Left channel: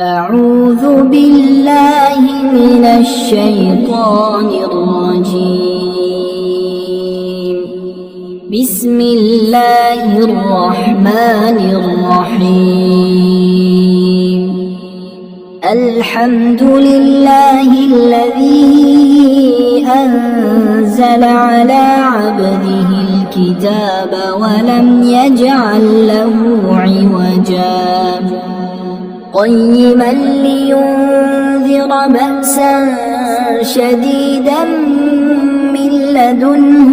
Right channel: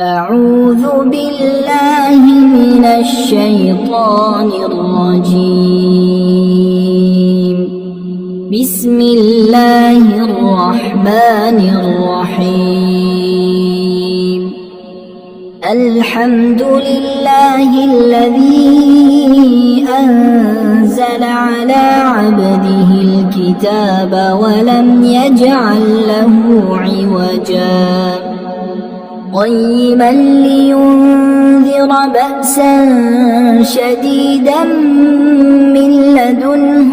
أعوذ بالله من الشيطان الرجيم. بسم الله الرحمن الرحيم. الحمد لله الذي أنزل على عبده الكتاب ولم يجعل له عوجا قيما لينذر بأسا شديدا من لدنه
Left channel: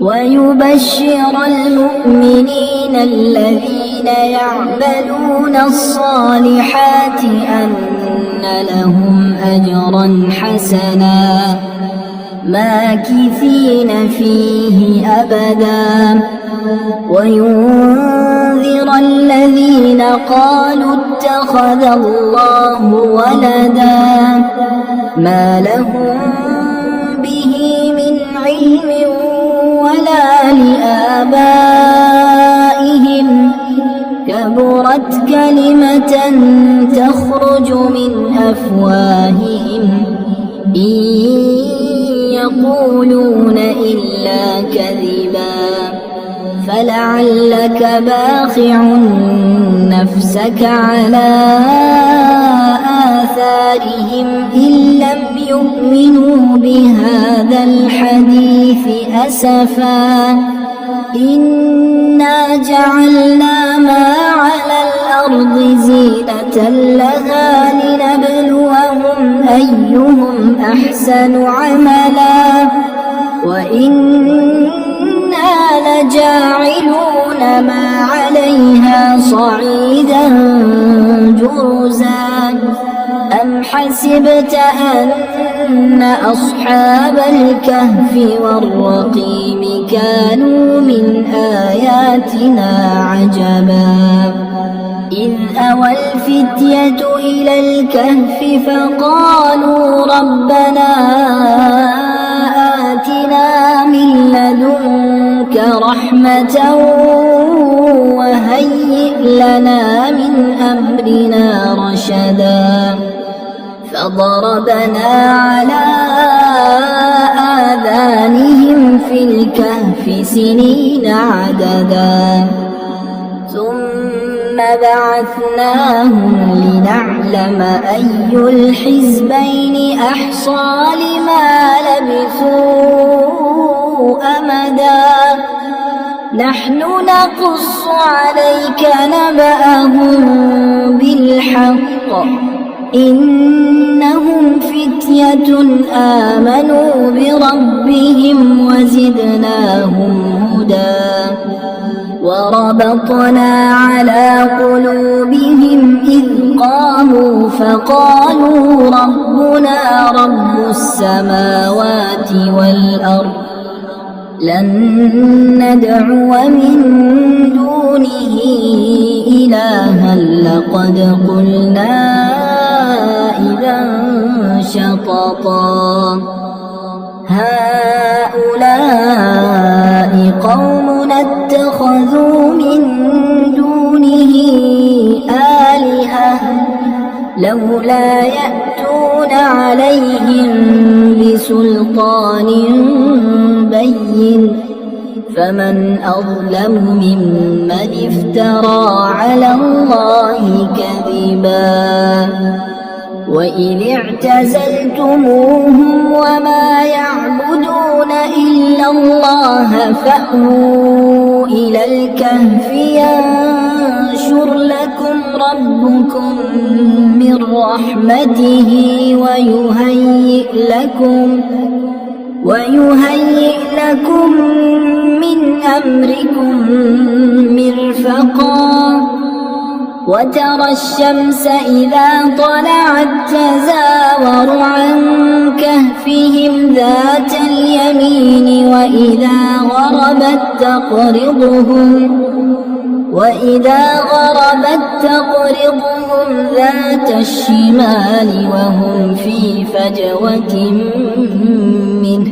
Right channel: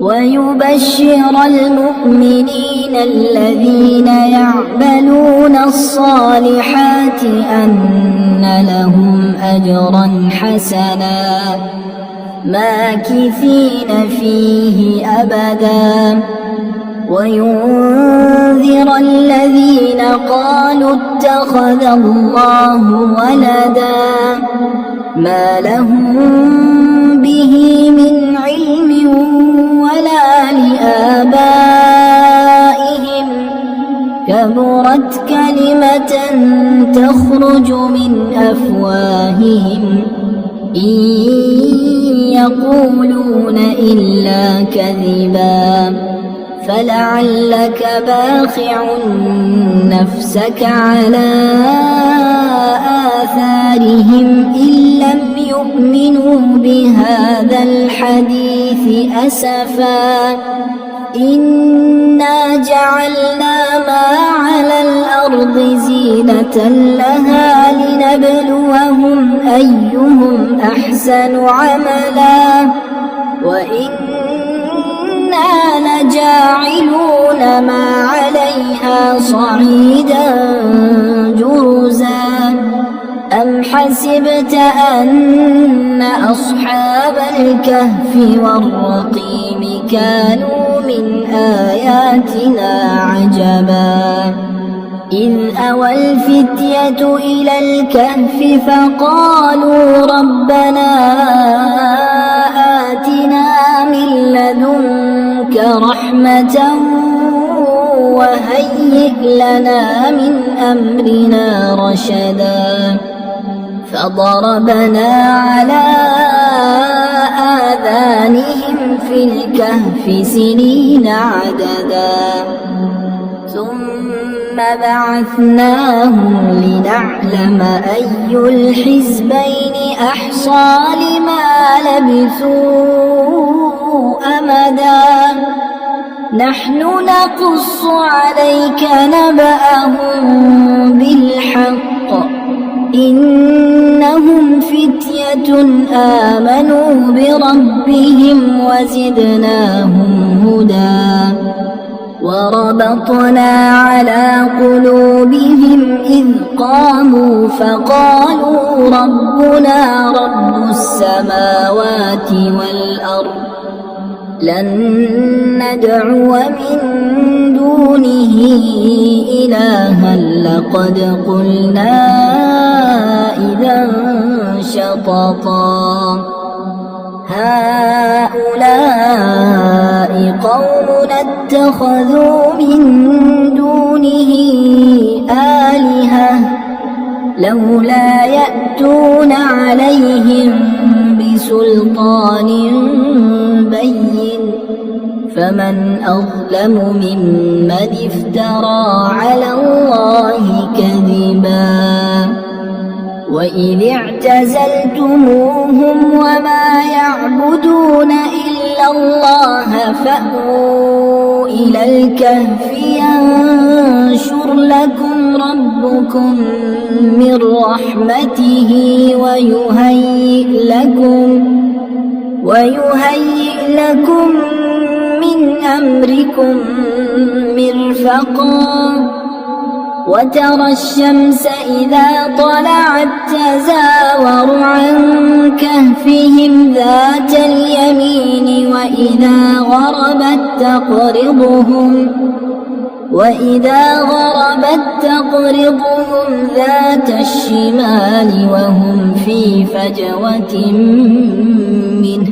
ويبشر المؤمنين الذين يعملون الصالحات أن لهم أجرا حسنا ماكثين فيه أبدا وينذر الذين قالوا اتخذ الله ولدا ما لهم به من علم ولا لآبائهم كبرت كلمة تخرج من أفواههم إن يقولون إلا كذبا فلعلك باخع نفسك على آثارهم إن لم يؤمنوا بهذا الحديث أسفا إنا جعلنا ما على الأرض زينة لها لنبلوهم أيهم أحسن عملا وإنا لجاعلون ما عليها صعيدا جرزا أم حسبت أن أصحاب الكهف والرقيم كانوا من آياتنا عجبا إذ أوى الفتية إلى الكهف فقالوا ربنا آتنا من لدنك رحمة وهيئ لنا من أمرنا رشدا فضربنا على آذانهم في الكهف سنين عددا ثم بعثناهم لنعلم أي الحزبين أحصى لما لبثوا أمدا نحن نقص عليك نبأهم بالحق إنهم فتية آمنوا بربهم وزدناهم هدى وربطنا على قلوبهم إذ قاموا فقالوا ربنا رب السماوات والأرض لن ندعو من دونه إلها لقد قلنا إذا شططا هؤلاء قوم اتخذوا من دونه آلهة لولا يأتون عليهم بسلطان بين فمن أظلم ممن افترى على الله كذبا وإذ اعتزلتموهم وما يعبدون إلا الله فأووا إلى الكهف ينشر لكم ربكم من رحمته ويهيئ لكم من أمركم مرفقا وترى الشمس إذا طلعت تزاور عن كهفهم ذات اليمين وإذا غربت تقرضهم ذات الشمال وهم في فجوة منه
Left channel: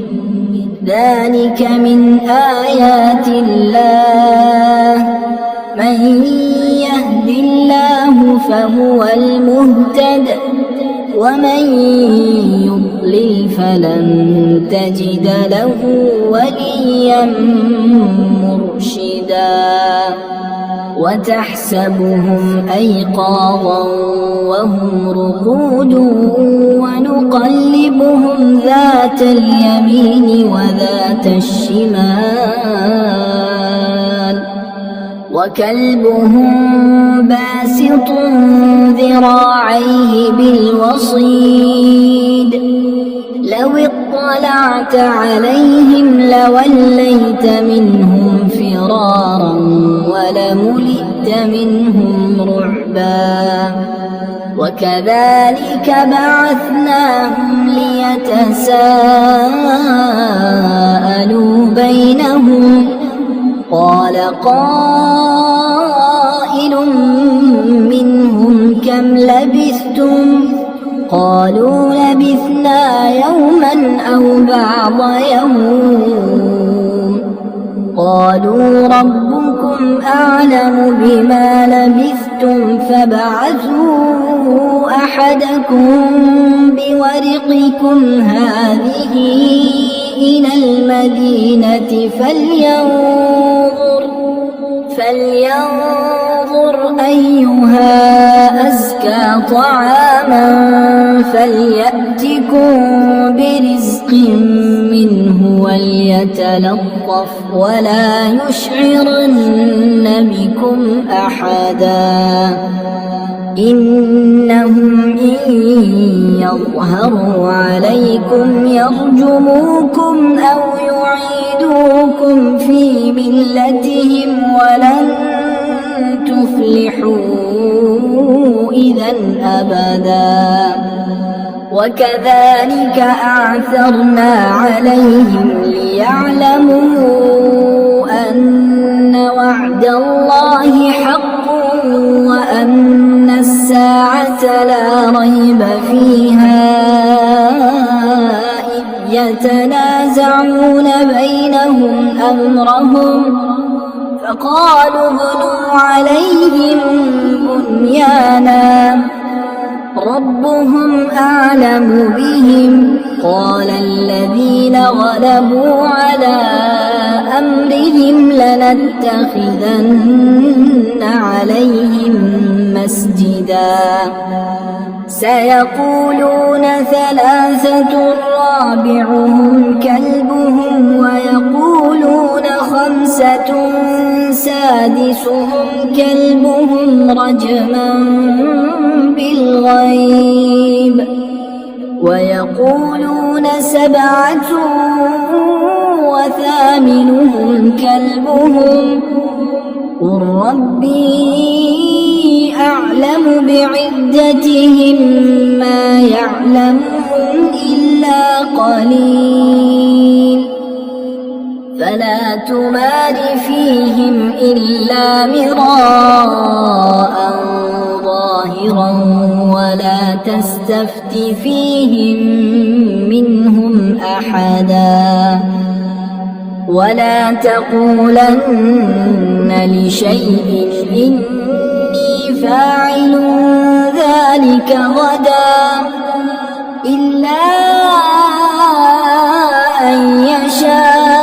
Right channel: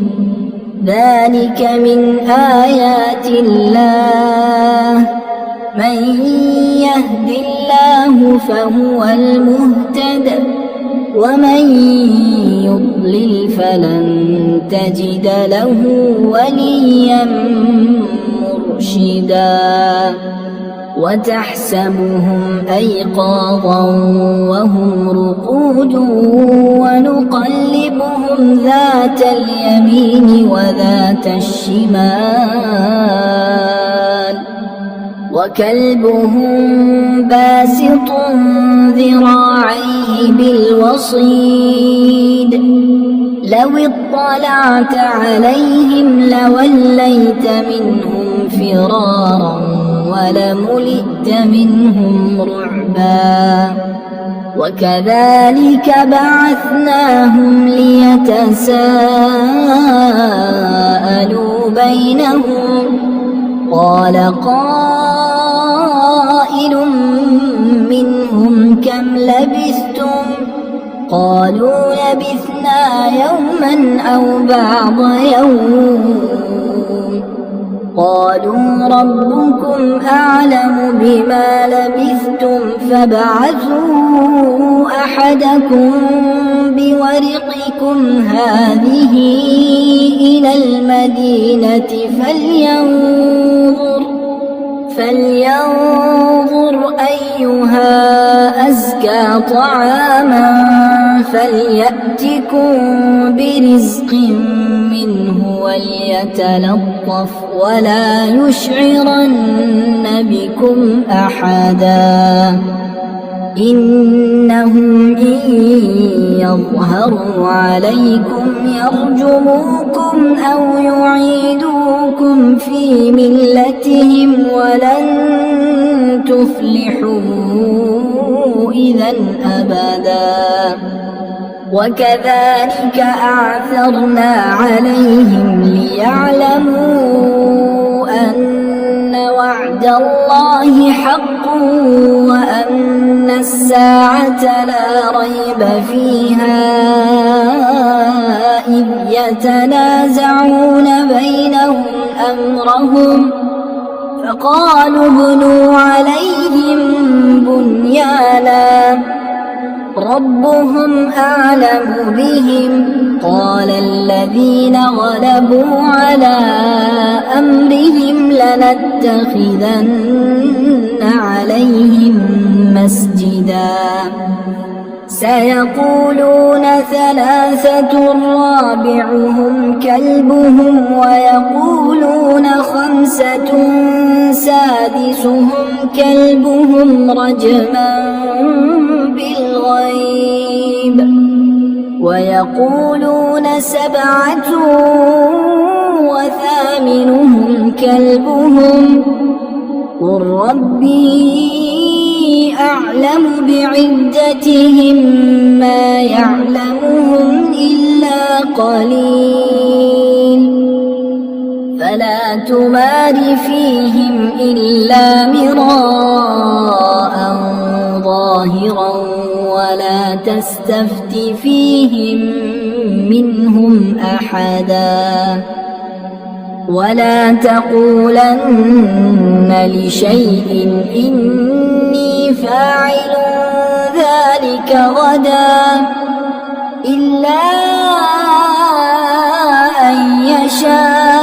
ذلك من آيات الله هو المهتد ومن يضلل فلن تجد له وليا مرشدا وتحسبهم أيقاظا وهم رقود ونقلبهم ذات اليمين وذات الشمال وكلبهم باسط ذراعيه بالوصيد لو اطلعت عليهم لوليت منهم فرارا ولملئت منهم رعبا وكذلك بعثناهم ليتساءلوا بينهم قال قائل منهم كم لبثتم قالوا لبثنا يوما أو بعض يوم قالوا ربكم أعلم بما لبثتم فابعثوا أحدكم بورقكم هذه إلى المدينة فلينظر أيها أزكى طعاما فليأتكم برزق منه وليتلطف ولا يشعرن بكم أحدا إنهم إن يظهروا عليكم يرجموكم أو يعيدوكم في ملتهم ولن تفلحوا إذا أبدا وكذلك أعثرنا عليهم ليعلموا أن وعد الله حق وأن الساعة لا ريب فيها إذ يتنازعون بينهم أمرهم فقالوا ابنوا عليهم بنيانا ربهم أعلم بهم قال الذين غلبوا على أمرهم لنتخذن عليهم مسجدا سيقولون ثلاثة رابعهم كلبهم ويقولون خمسة سادسهم كلبهم رجما بالغيب ويقولون سبعة وثامنهم كلبهم قل ربي أعلم بعدتهم ما يعلمهم إلا قليل فلا تمار فيهم إلا مراء ظاهرا ولا تستفت فيهم منهم أحدا ولا تقولن لشيء إني فاعل ذلك غدا إلا أن يشاء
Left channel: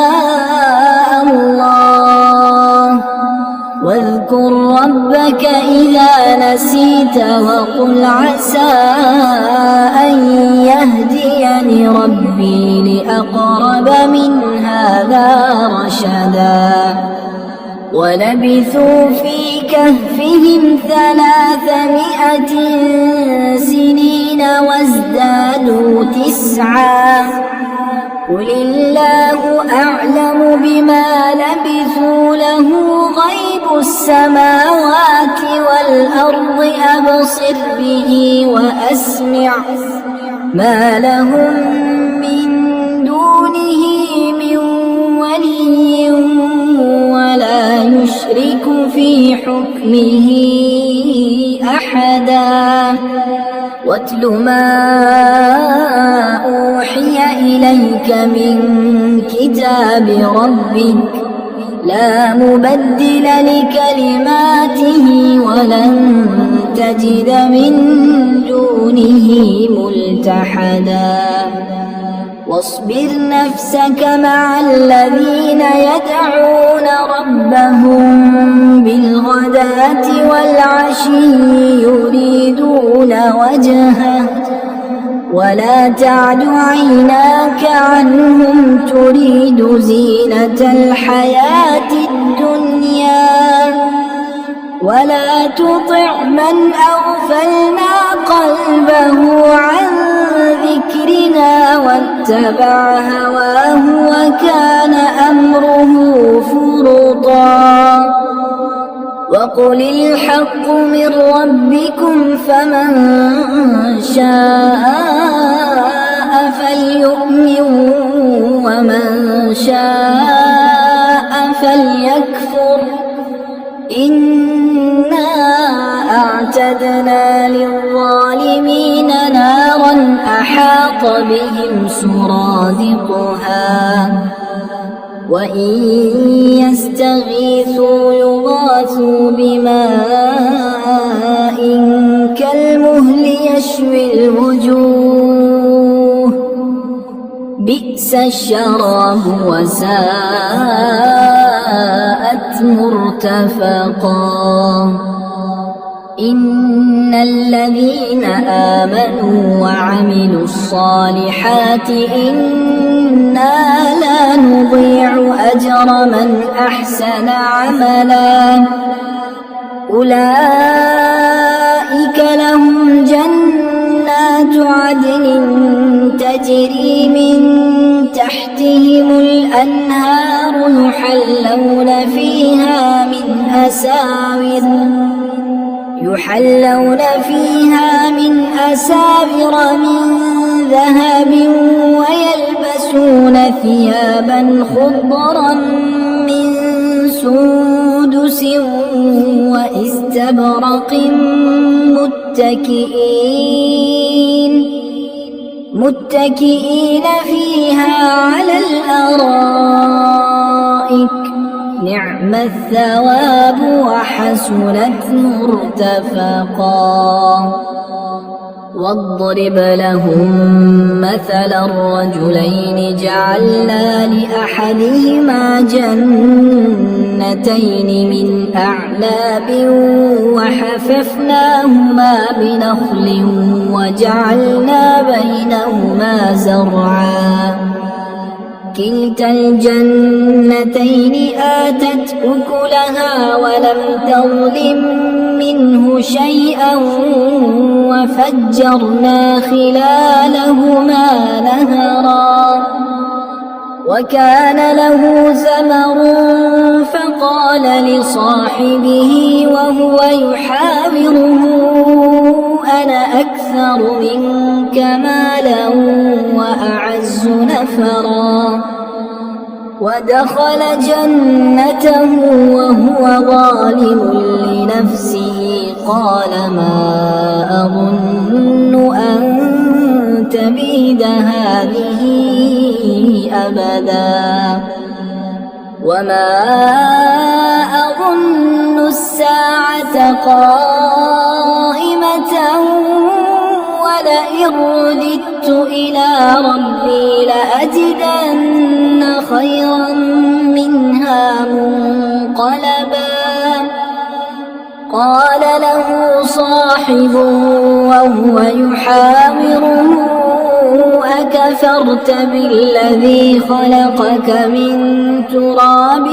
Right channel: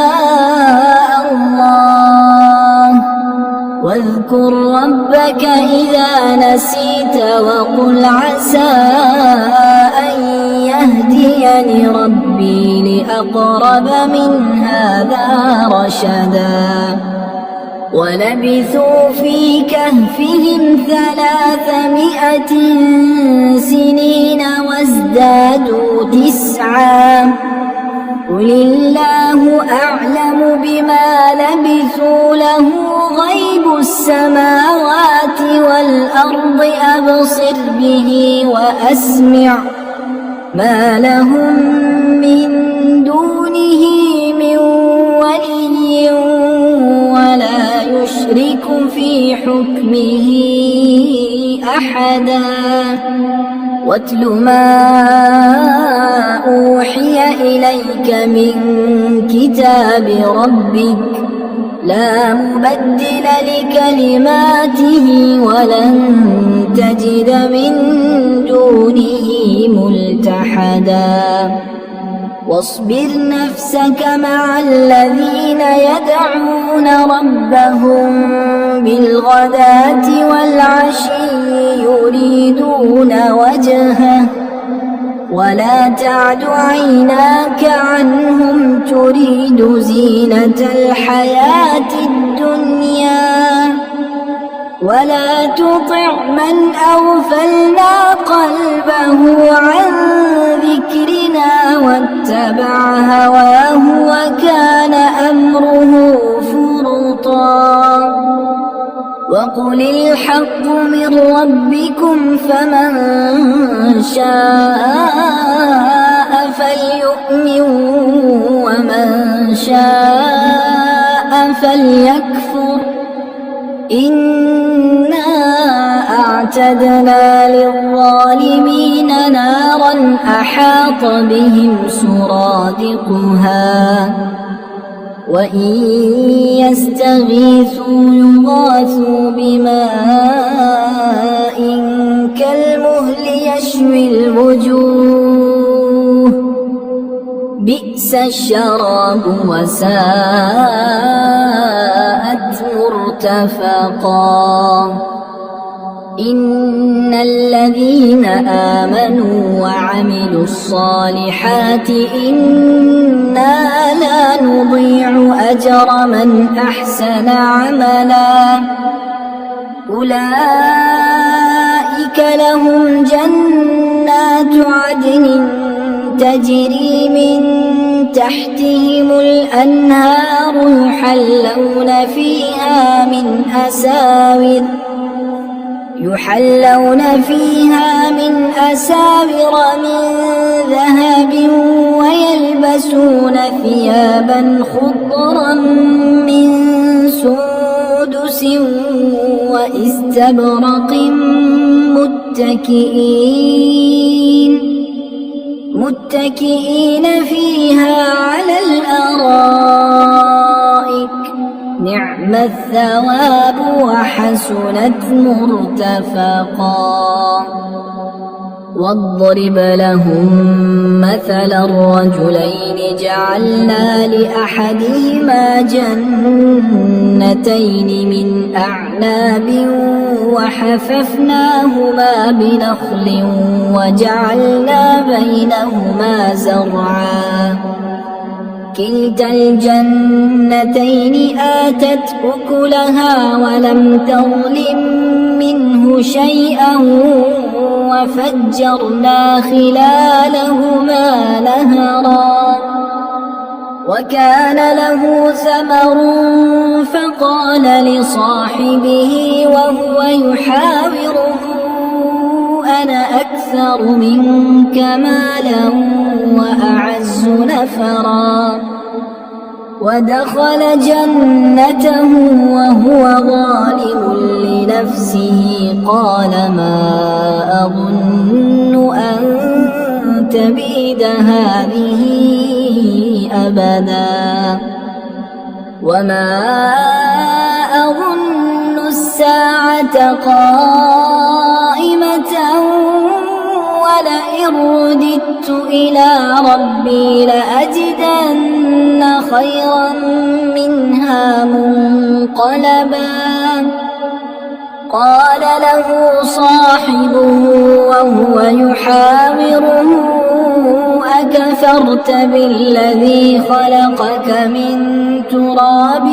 الله واذكر ربك إذا نسيت وقل عسى أن يهديني ربي لأقرب من هذا رشدا ولبثوا في كهفهم 300 سنين وازدادوا 9 قل الله أعلم بما لبثوا له غيب السماوات والأرض أبصر به وأسمع ما لهم من دونه من ولي ولا يشرك في حكمه أحدا واتل ما أوحي إليك من كتاب ربك لا مبدل لكلماته ولن تجد من دونه ملتحدا واصبر نفسك مع الذين يدعون ربهم بالغداة والعشي يريدون وجهه ولا تعد عيناك عنهم تريد زينة الحياة الدنيا ولا تطع من أغفلنا قلبه عن ذكرنا واتبع هواه وكان أمره فرطا وقل الحق من ربكم فمن شاء فليؤمن ومن شاء فليكفر إنا أعتدنا للظالمين نارا أحاط بهم سرادقها وإن يستغيثوا يغاثوا بماء كالمهل يشوي الوجوه بئس الشراب وساءت مرتفقا إن الذين آمنوا وعملوا الصالحات إنا لا نضيع أجر من أحسن عملا أولئك لهم جنات عدن تجري من تحتهم الأنهار يحلون فيها من أساور من ذهب ويلبسون ثيابا خضرا من سندس وإستبرق متكئين فيها على الأرائك نعم الثواب وحسنت مرتفقا واضرب لهم مثلا الرجلين جعلنا لأحدهما جنتين من أعناب وحففناهما بنخل وجعلنا بينهما زرعا كلتا الجنتين آتت أكلها ولم تظلم منه شيئا وفجرنا خلالهما نهرا وكان له ثمر فقال لصاحبه وهو يحاوره أنا أكثر منك مالا وأعز نفرا ودخل جنته وهو ظالم لنفسه قال ما أظن أن تبيد هذه أبدا وما أظن الساعة قائمة ولئن رددت إلى ربي لأجدن خيرا منها منقلبا قال له صاحبه وهو يحاوره أكفرت بالذي خلقك من تراب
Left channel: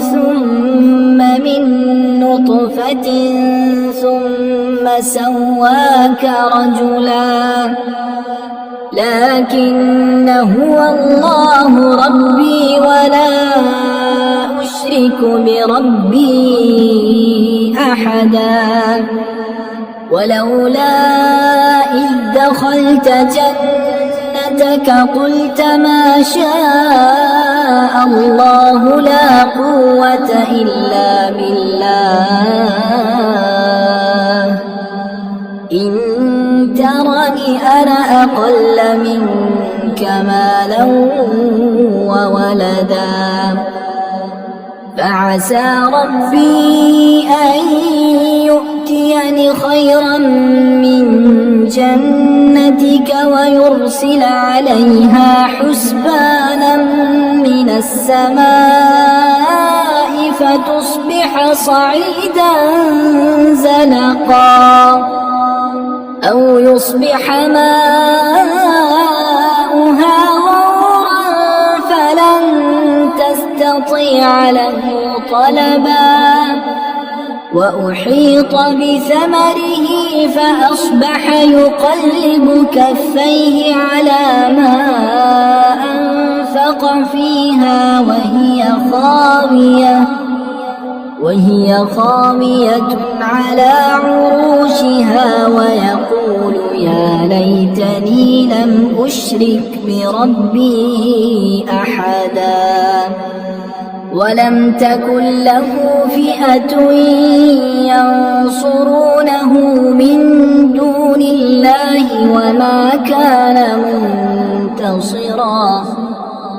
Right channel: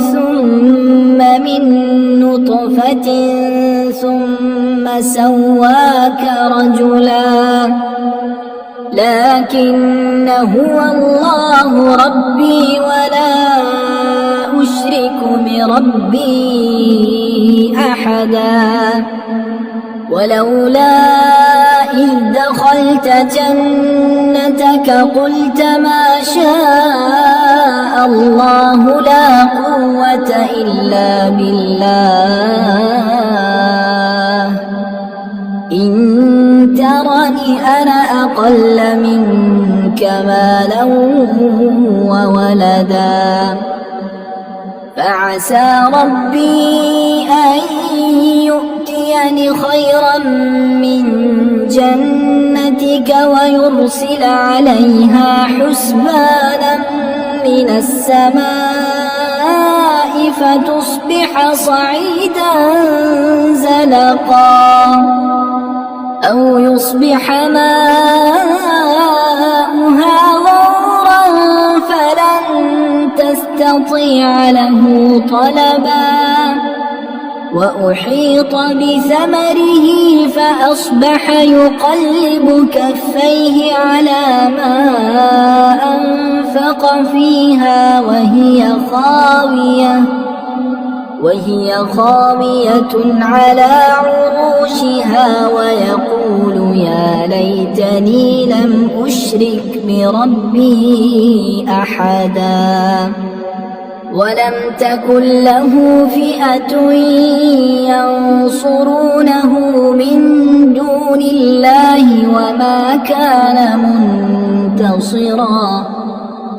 ثم من نطفة ثم سواك رجلا لكن هو الله ربي ولا أشرك بربي أحدا ولولا إذ دخلت جنتك قلت ما شاء الله لا قوة إلا بالله إن ترني أنا أقل منك مالا وولدا فعسى ربي أن يؤتيني خيرا من جنتك ويرسل عليها حسبانا من السماء فتصبح صعيدا زلقا أو يصبح ماؤها غورا فلن تستطيع له طلبا وأحيط بثمره فأصبح يقلب كفيه على ما أنفق فيها وهي خاوية على عروشها ويقول يا ليتني لم أشرك بربي أحدا ولم تكن له فئة ينصرونه من دون الله وما كان منتصرا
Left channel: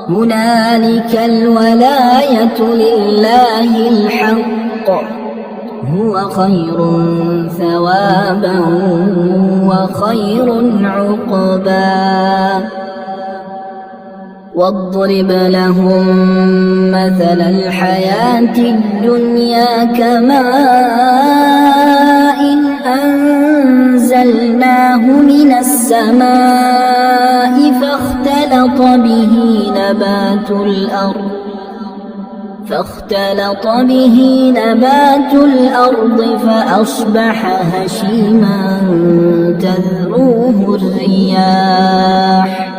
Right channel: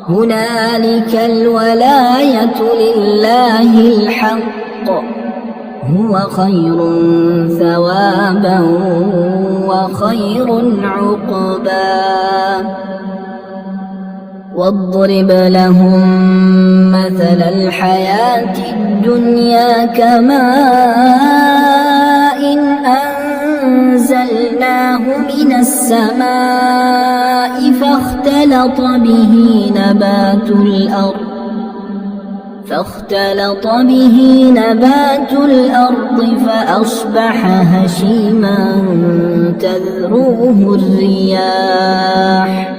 هنالك الولاية لله الحق هو خير ثوابا وخير عقبا واضرب لهم مثل الحياة الدنيا كماء أنزلناه من السماء فاختلط به نبات الأرض فأصبح هشيما تذروه الرياح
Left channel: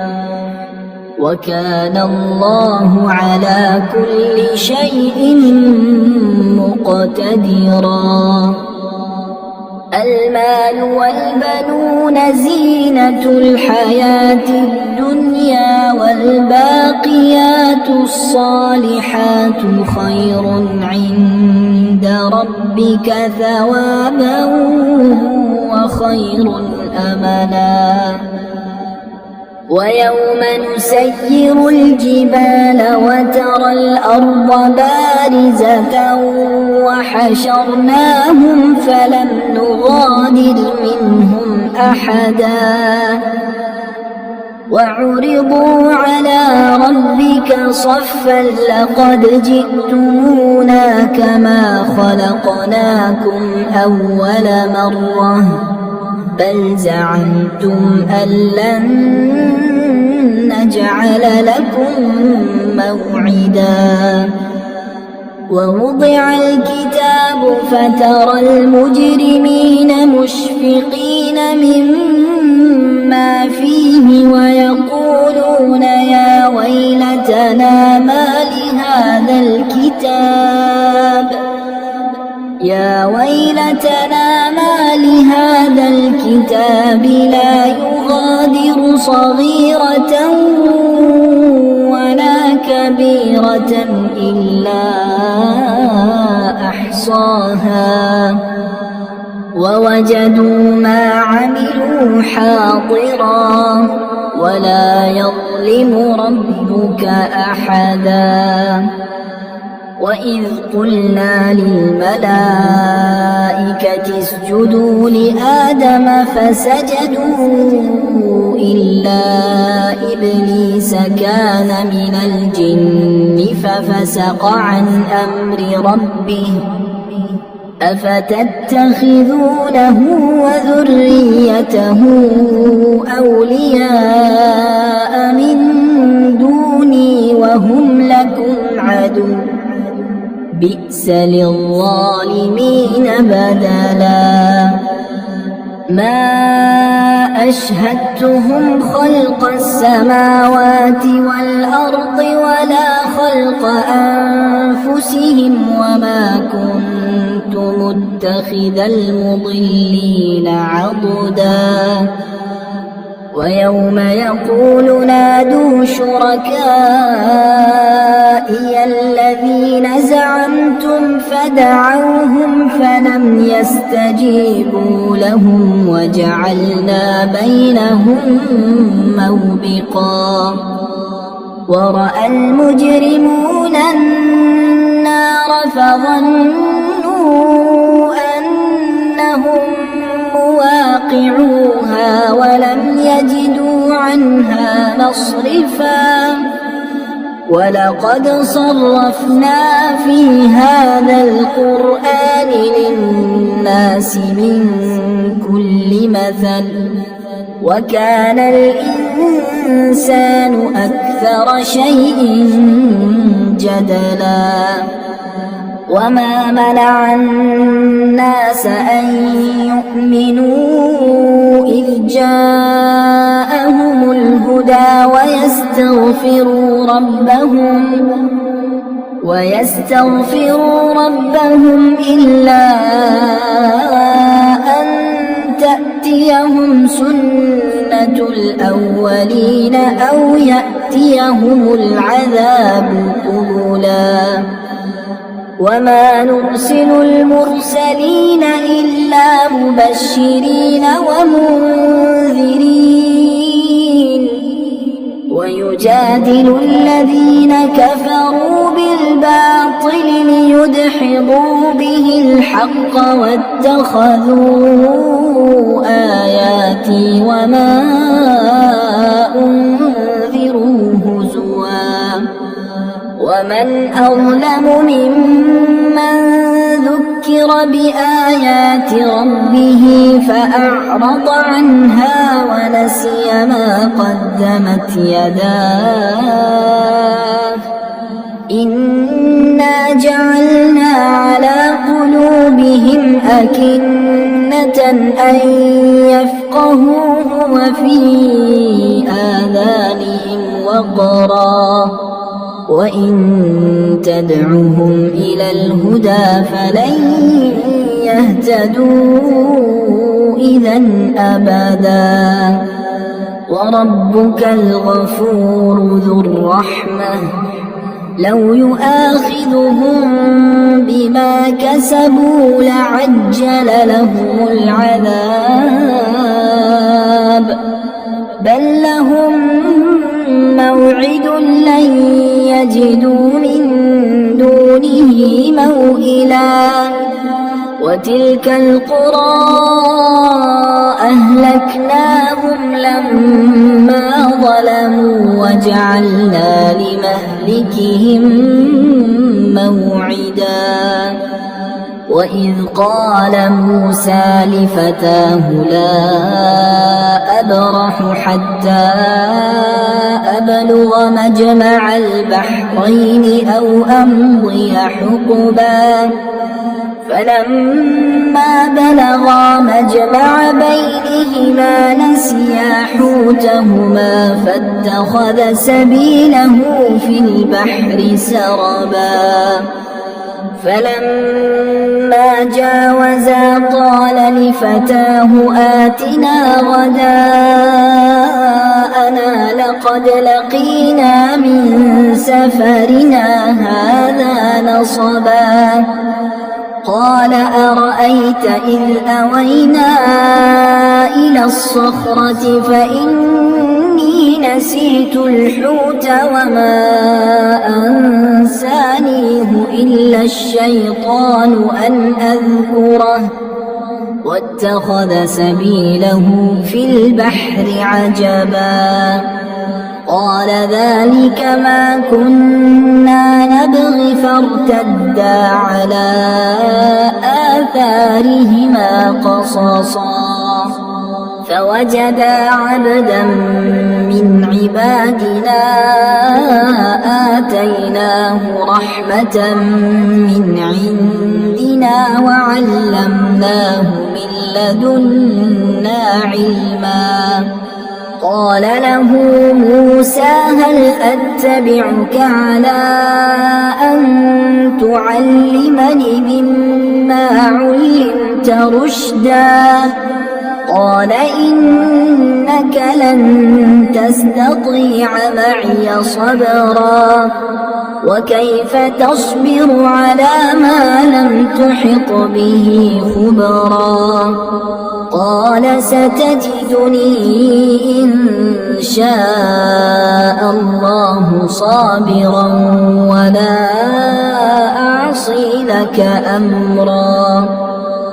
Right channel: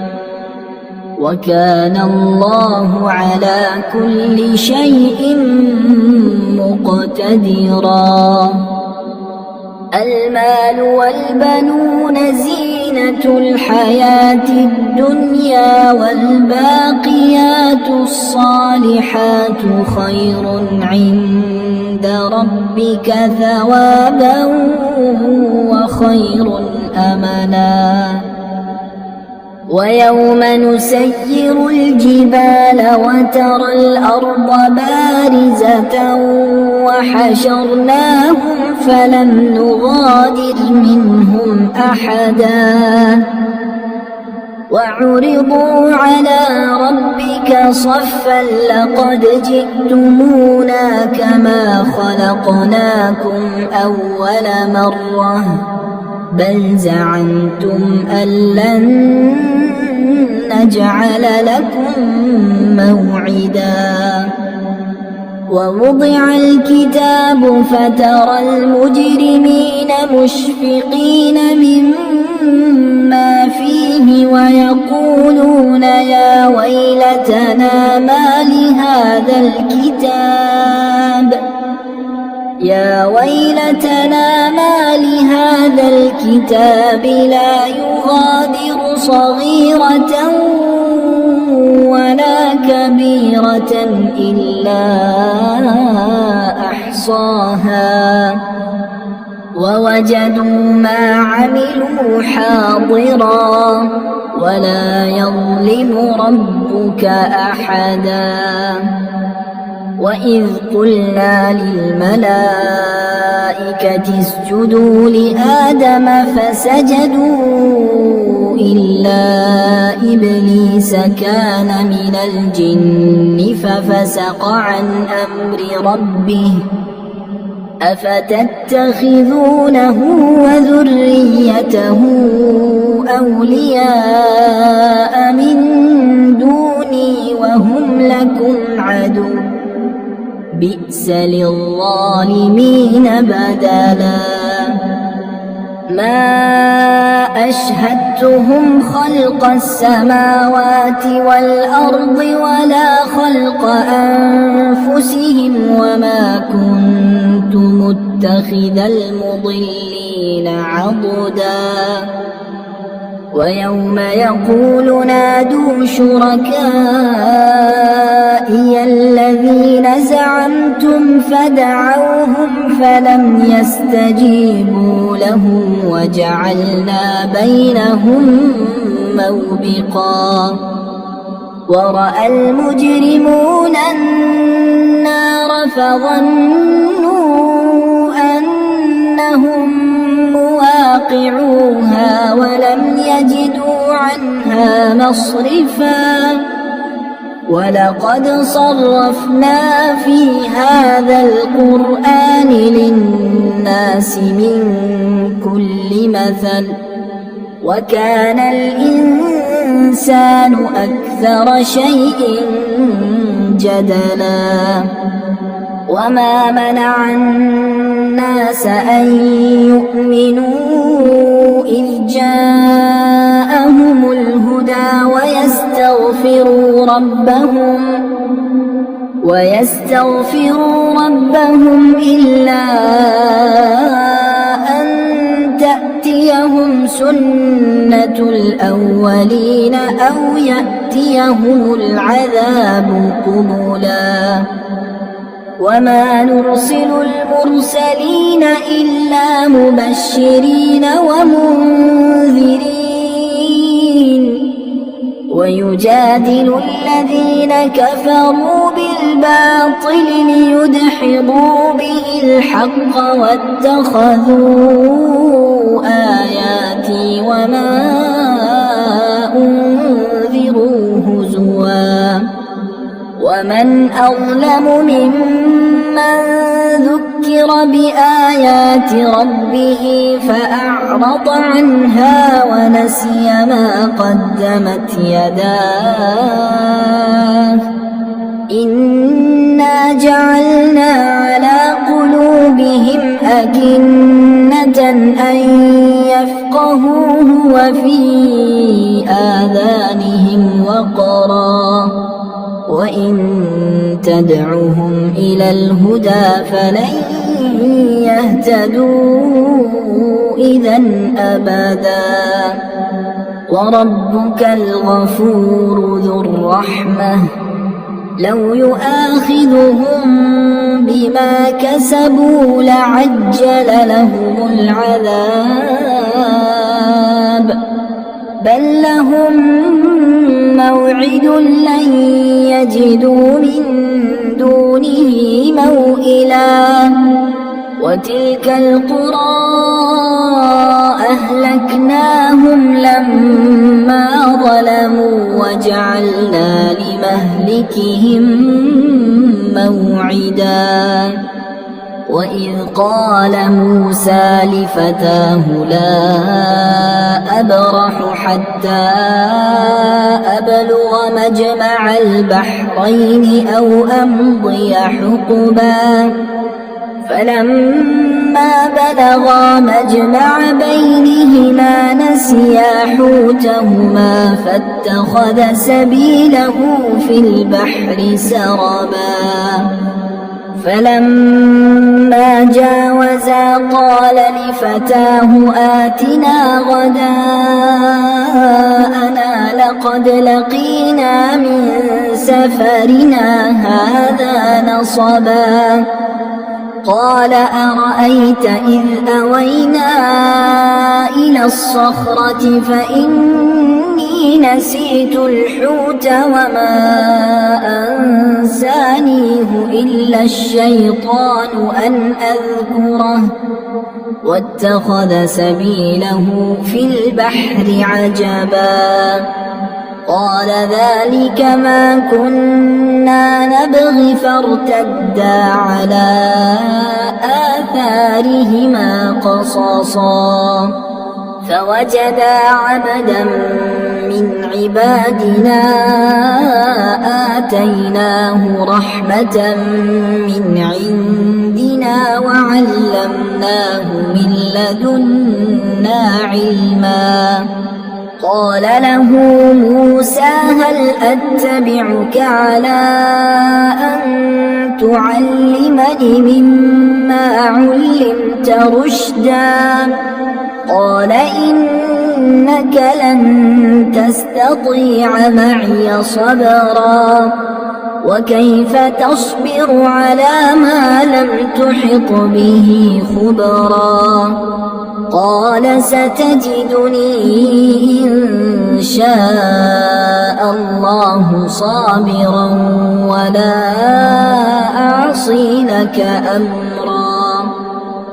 وكان الله على كل شيء مقتدرا المال والبنون زينة الحياة الدنيا والباقيات الصالحات خير عند ربك ثوابا وخير أملا ويوم نسير الجبال وترى الأرض بارزة وحشرناهم فلم نغادر منهم أحدا وعرضوا على ربك صفا لقد جئتمونا كما خلقناكم أول مرة بل زعمتم أن لن نجعل لكم موعدا ووضع الكتاب فترى المجرمين مشفقين مما فيه ويقولون يا ويلتنا ما لهذا الكتاب لا يغادر صغيرة ولا كبيرة إلا أحصاها ووجدوا ما عملوا حاضرا ولا يظلم ربك أحدا وإذ قلنا للملائكة اسجدوا لآدم فسجدوا إلا إبليس كان من الجن ففسق عن أمر ربه أفتتخذونه وذريته أولياء من دوني وهم لكم عدو بئس للظالمين بدلا ما أشهدتهم خلق السماوات والأرض ولا خلق أنفسهم وما كنت متخذ المضلين عضدا ويوم يقول نادوا شركائي الذين زعمتم فدعوهم فلم يستجيبوا لهم وجعلنا بينهم موبقا ورأى المجرمون النار فظنوا أنهم مصرفا ولقد صرفنا في هذا القرآن للناس من كل مثل وكان الإنسان أكثر شيء جدلا وما منع الناس أن يؤمنوا إذ جاءهم الهدى ويستغفروا ربهم إلا أن تأتيهم سنة الأولين أو يأتيهم العذاب قبلا وما نرسل المرسلين إلا مبشرين ومنذرين ويجادل الذين كفروا بالباطل ليدحضوا به الحق واتخذوا آياتي وما أنذروا هزوا ومن أظلم ممن ذكر بآيات ربه فأعرض عنها ونسي ما قدمت يداه إنا جعلنا على قلوبهم أكنة أن يفقهوه وفي آذانهم وقرا وإن تدعهم إلى الهدى فلن يهتدوا إذا أبدا وربك الغفور ذو الرحمة لو يؤاخذهم بما كسبوا لعجل لهم العذاب بل لهم موعد لن يجدوا من دونه موئلا وتلك القرى أهلكناهم لما ظلموا وجعلنا لمهلكهم موعدا وإذ قال موسى لفتاه لا أبرح حتى أبلغ مجمع البحرين أو أمضي حقبا فلما بلغا مجمع بينهما نسيا حوتهما فاتخذ سبيله في البحر سربا فلما جاوزا قال لفتاه آتنا غداءنا لقد لقينا من سفرنا هذا نصبا قال أرأيت إذ أوينا إلى الصخرة فإني نسيت الحوت وما أنسانيه إلا الشيطان أن أذكره واتخذ سبيله في البحر عجبا قال ذلك ما كنا نبغي فارتدا على آثارهما قصصا فوجدا عبدا من عبادنا آتيناه رحمة من عندنا وعلمناه من لدنا علما قال له موسى هل أتبعك على أن تعلمني مما علمت رشدا قال إنك لن تستطيع معي صبرا وكيف تصبر على ما لم تحط به خبرا قال ستجدني إن شاء الله صابرا ولا أعصي لك أمرا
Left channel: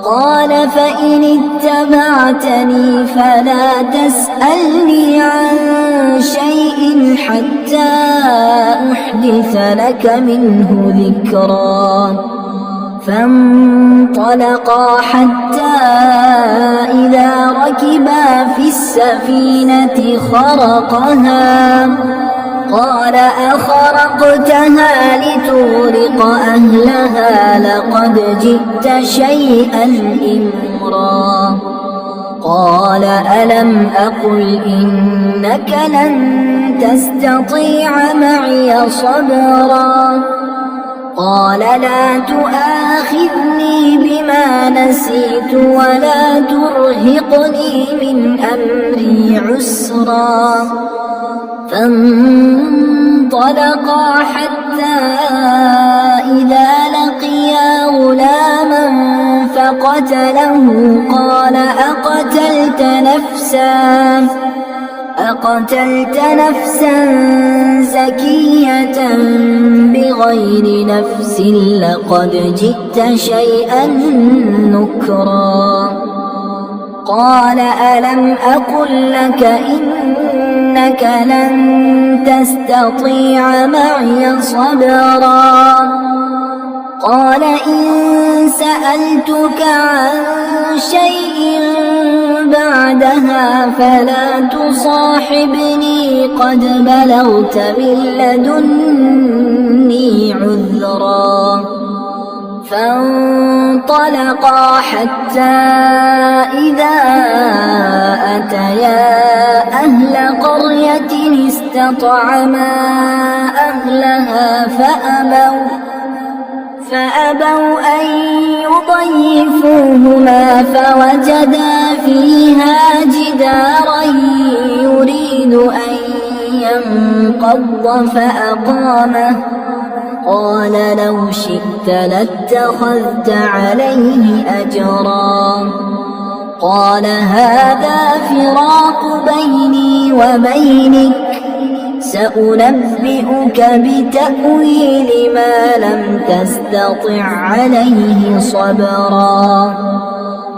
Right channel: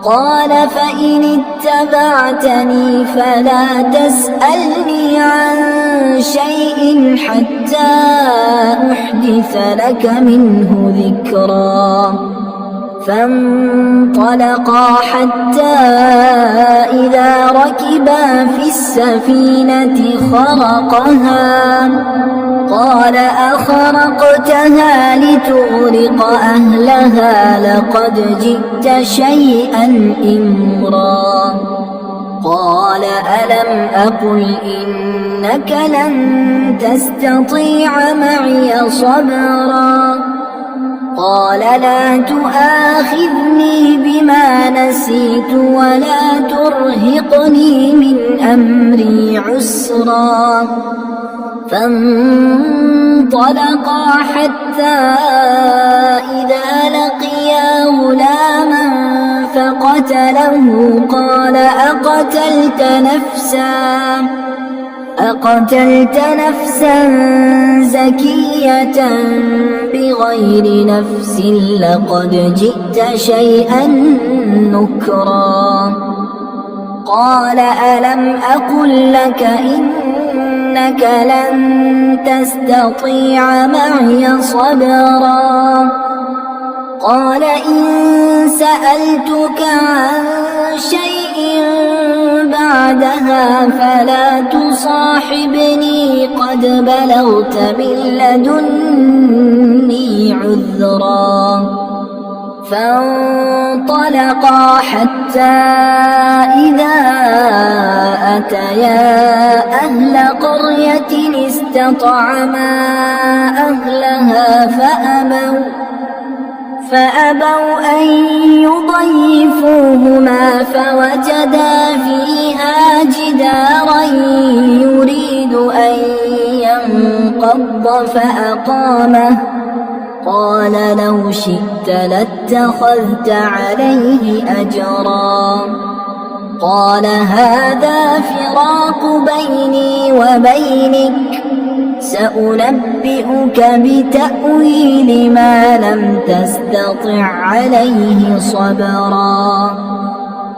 قال فإن اتبعتني فلا تسألني عن شيء حتى أحدث لك منه ذكرا فانطلقا حتى إذا ركبا في السفينة خرقها قال أخرقتها لتغرق أهلها لقد جئت شيئا إمرا قال ألم أقل إنك لن تستطيع معي صبرا قال لا تؤاخذني بما نسيت ولا ترهقني من أمري عسرا فانطلقا حتى إذا لقيا غلاما فقتله قال أقتلت نفسا زكية بغير نفس لقد جئت شيئا نكرا قال ألم أقل لك إنك لن تستطيع معي صبرا قال إن سألتك عن شيء بعدها فلا تصاحبني قد بلغت من لدني عذرا فانطلقا حتى إذا أتيا أهل قرية استطعما أهلها فأبوا أن يضيفوهما فوجدا فيها جدارا يريد أن ينقض فأقامه قال لو شئت لاتخذت عليه أجرا قال هذا فراق بيني وبينك سأنبئك بتأويل ما لم تستطع عليه صبرا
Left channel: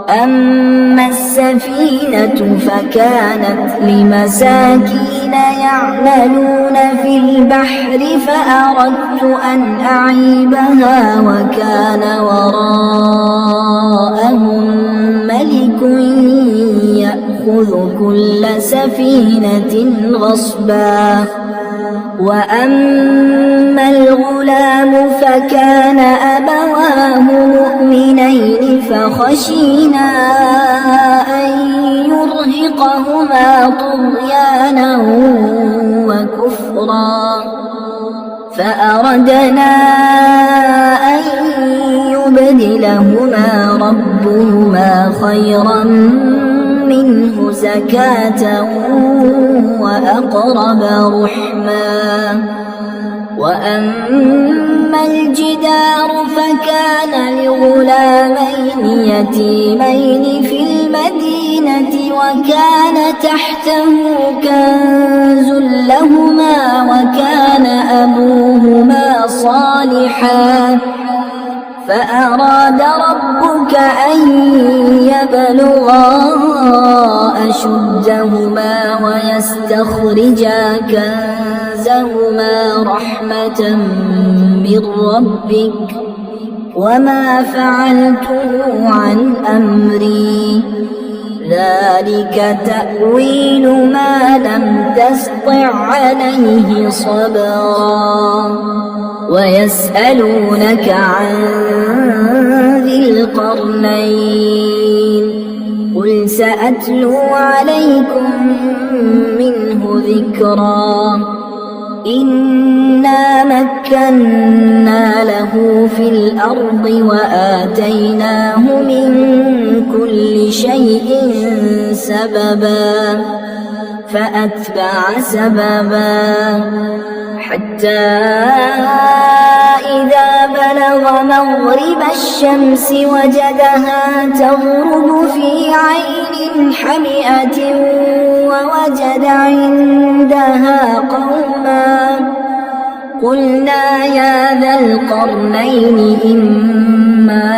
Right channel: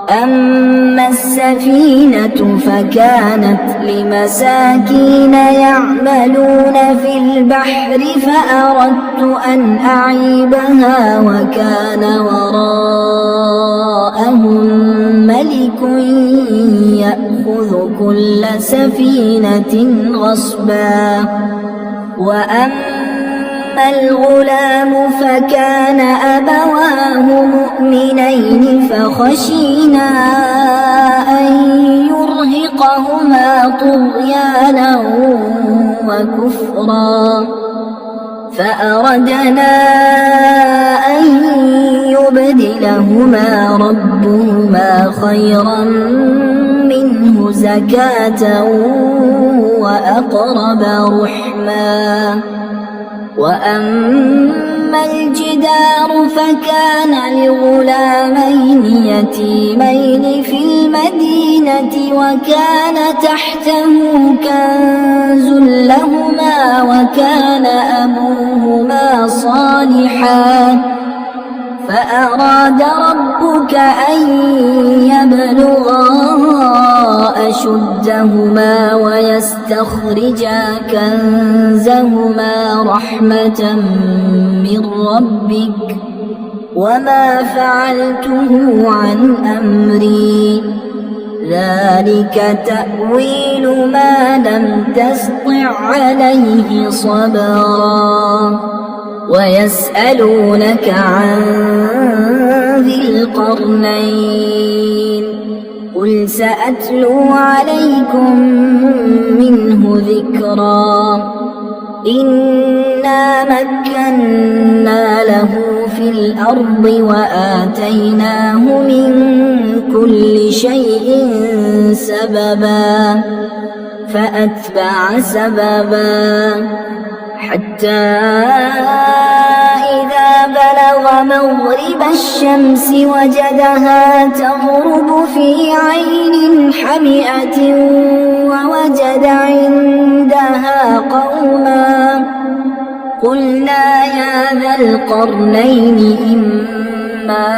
أما السفينة فكانت لمساكين يعملون في البحر فأردت أن أعيبها وكان وراءهم ملك يأخذ كل سفينة غصبا وأما الغلام فكان أبواه مؤمنين فخشينا أن يرهقهما طغيانا وكفرا فأردنا أن يبدلهما ربهما خيرا منه زكاة وأقرب رحما وأما الجدار فكان لغلامين يتيمين في المدينة وكان تحته كنز لهما وكان أبوهما صالحا فأراد ربك أن يبلغا أشدهما ويستخرجا كنزهما رحمة من ربك وما فعلته عن أمري ذلك تأويل ما لم تسطع عليه صبرا ويسألونك عن ذي القرنين قل سأتلو عليكم منه ذكرا إنا مكنا له في الأرض وآتيناه من كل شيء سببا فأتبع سببا حتى إذا بلغ مغرب الشمس وجدها تغرب في عين حمئة ووجد عندها قوما قلنا يا ذا القرنين إما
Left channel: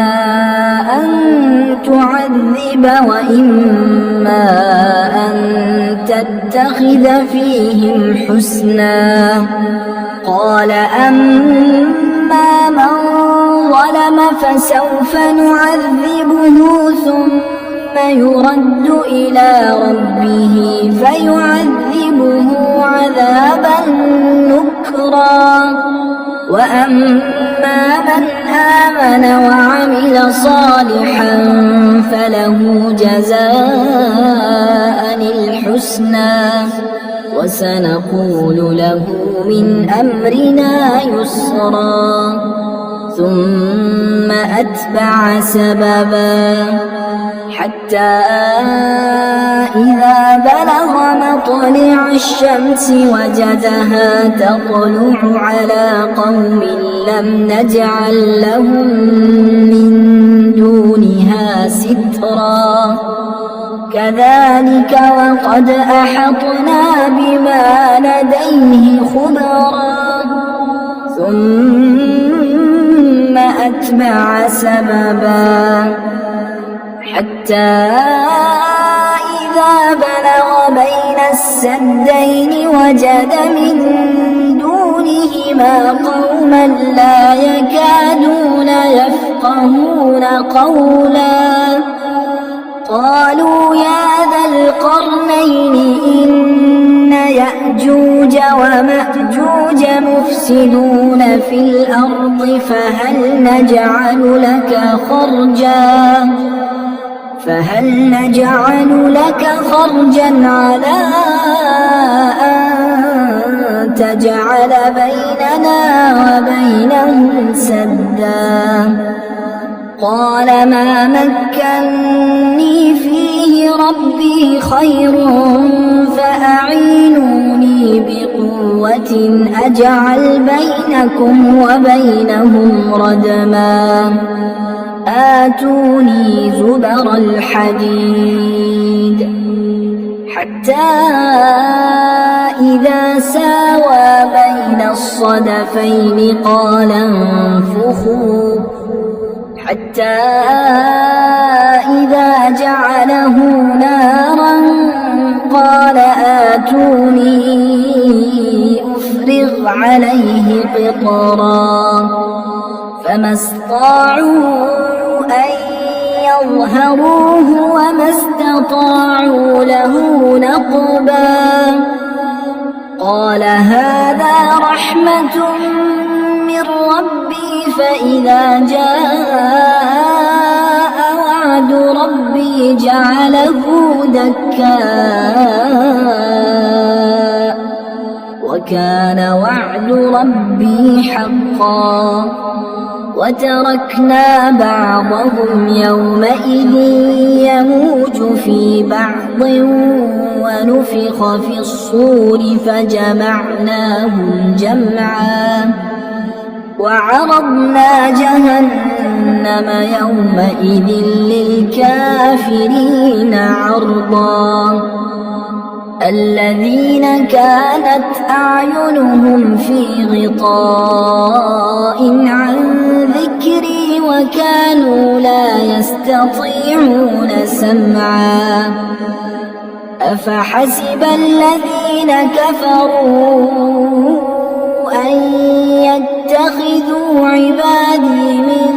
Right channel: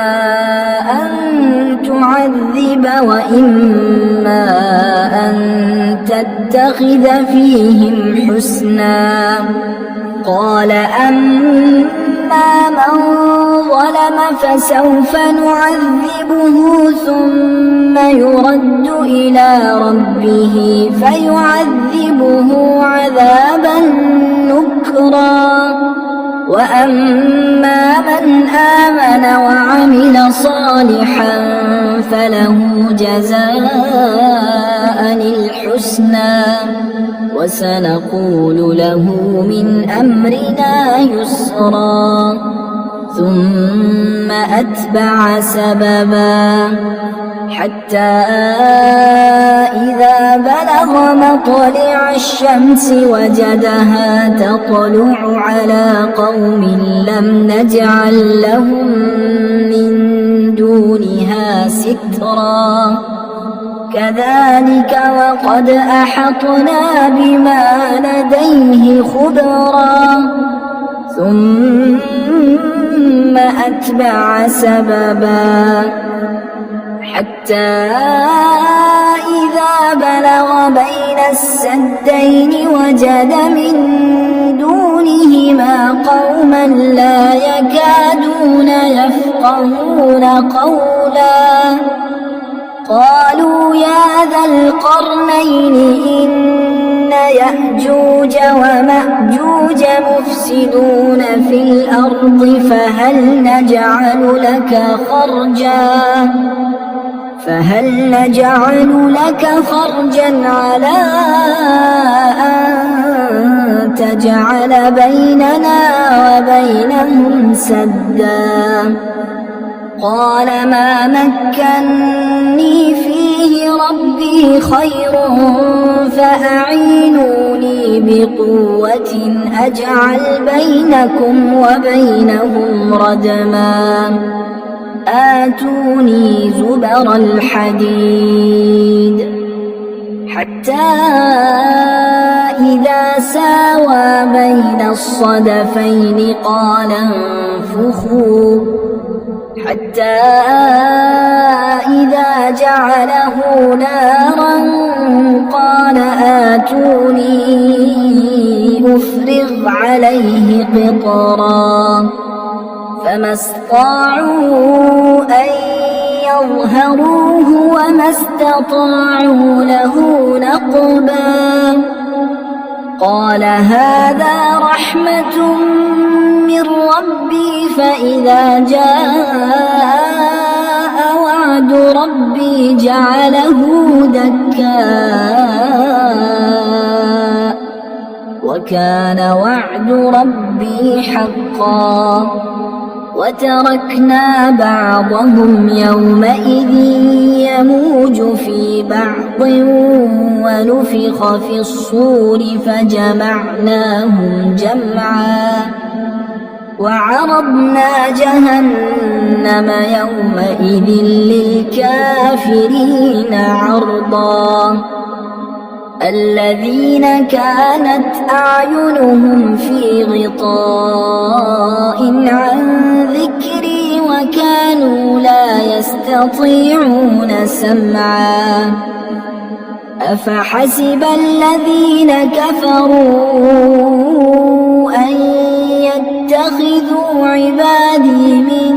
أن تعذب وإما أن تتخذ فيهم حسنا قال أما من ظلم فسوف نعذبه ثم يرد إلى ربه فيعذبه عذابا نكرا وأما من آمن وعمل صالحا فله جزاء الحسنى وسنقول له من أمرنا يسرا ثم أتبع سببا حتى إذا بلغ مطلع الشمس وجدها تطلع على قوم لم نجعل لهم من دونها سترا كذلك وقد أحطنا بما لديه خبرا ثم أتبع سببا حتى إذا بلغ بين السدين وجد من دونهما قوما لا يكادون يفقهون قولا قالوا يا ذا القرنين إن يأجوج ومأجوج مفسدون في الأرض فهل نجعل لك خرجا على أن تجعل بيننا وبينهم سدا قال ما مكني فيه ربي خير فأعينوني بقوة أجعل بينكم وبينهم ردما آتوني زبر الحديد حتى إذا ساوى بين الصدفين قال انفخوا حتى إذا جعله نارا قال آتوني أفرغ عليه قطرا فما استطاعوا أن يظهروه وما استطاعوا له نقبا قال هذا رحمة من ربي فإذا جاء وعد ربي جعله دكاء وكان وعد ربي حقا وتركنا بعضهم يومئذ يموج في بعض ونفخ في الصور فجمعناهم جمعا وعرضنا جهنم يومئذ للكافرين عرضا الذين كانت أعينهم في غطاء عن ذكري وكانوا لا يستطيعون سمعا أفحسب الذين كفروا أن يتخذوا عبادي من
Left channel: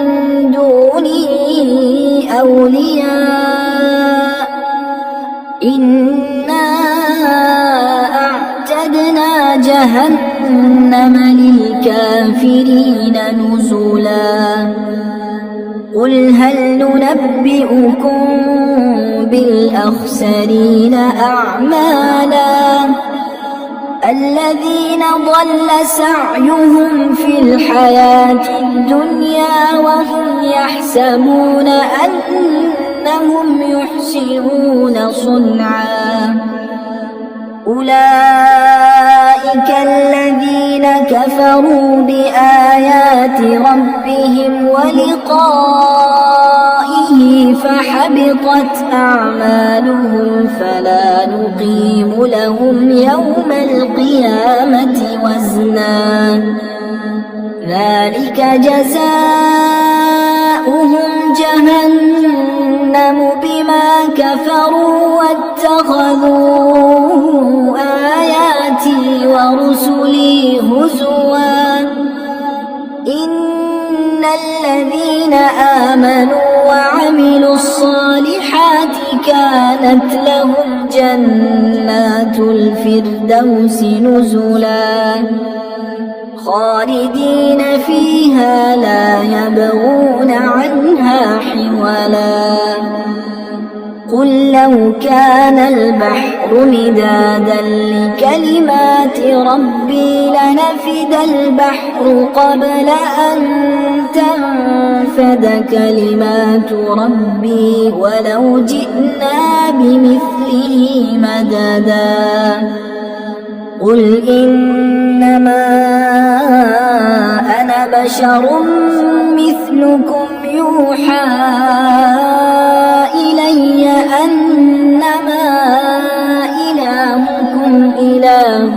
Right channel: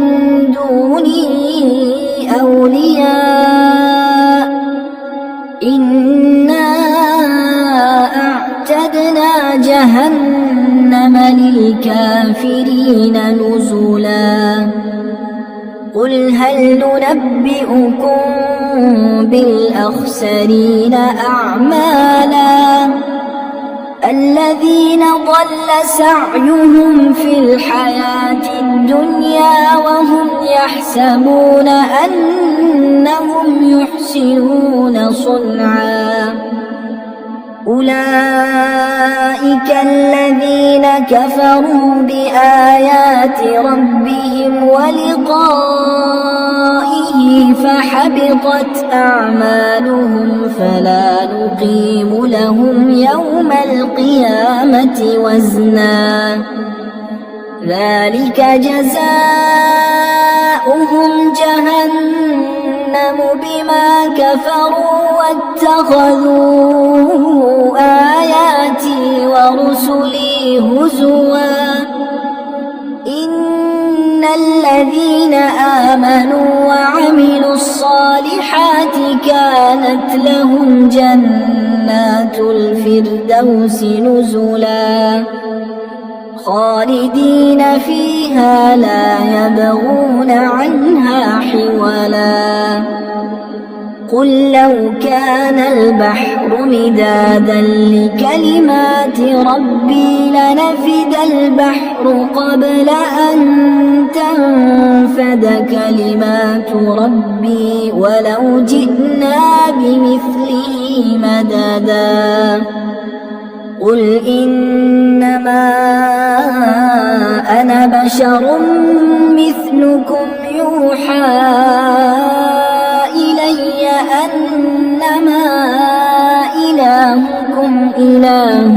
دوني أولياء إنا أعتدنا جهنم للكافرين نزلا قل هل ننبئكم بالأخسرين أعمالا الذين ضل سعيهم في الحياة الدنيا وهم يحسبون أنهم يحسنون صنعا أولئك الذين كفروا بآيات ربهم ولقائه فحبطت أعمالهم فلا نقيم لهم يوم القيامة وزنا ذلك جزاؤهم جهنم اتخذوا آياتي ورسلي هزوا إن الذين آمنوا وعملوا الصالحات كانت لهم جنات الفردوس نزلا خالدين فيها لا يبغون عنها حولا قل لو كان البحر مدادا لكلمات ربي لنفد البحر قبل أن تنفد كلمات ربي ولو جئنا بمثله مددا قل إنما أنا بشر مثلكم يوحى إلي أنما إلهكم إله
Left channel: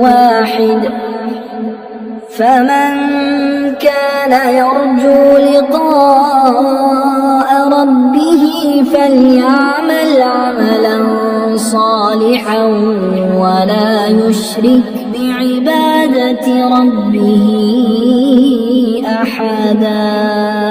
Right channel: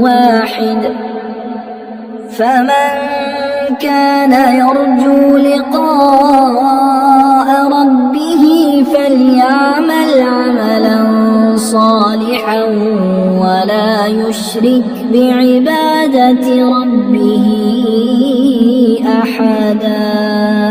واحد فمن كان يرجو لقاء ربه فليعمل عملا صالحا ولا يشرك بعبادة ربه أحدا.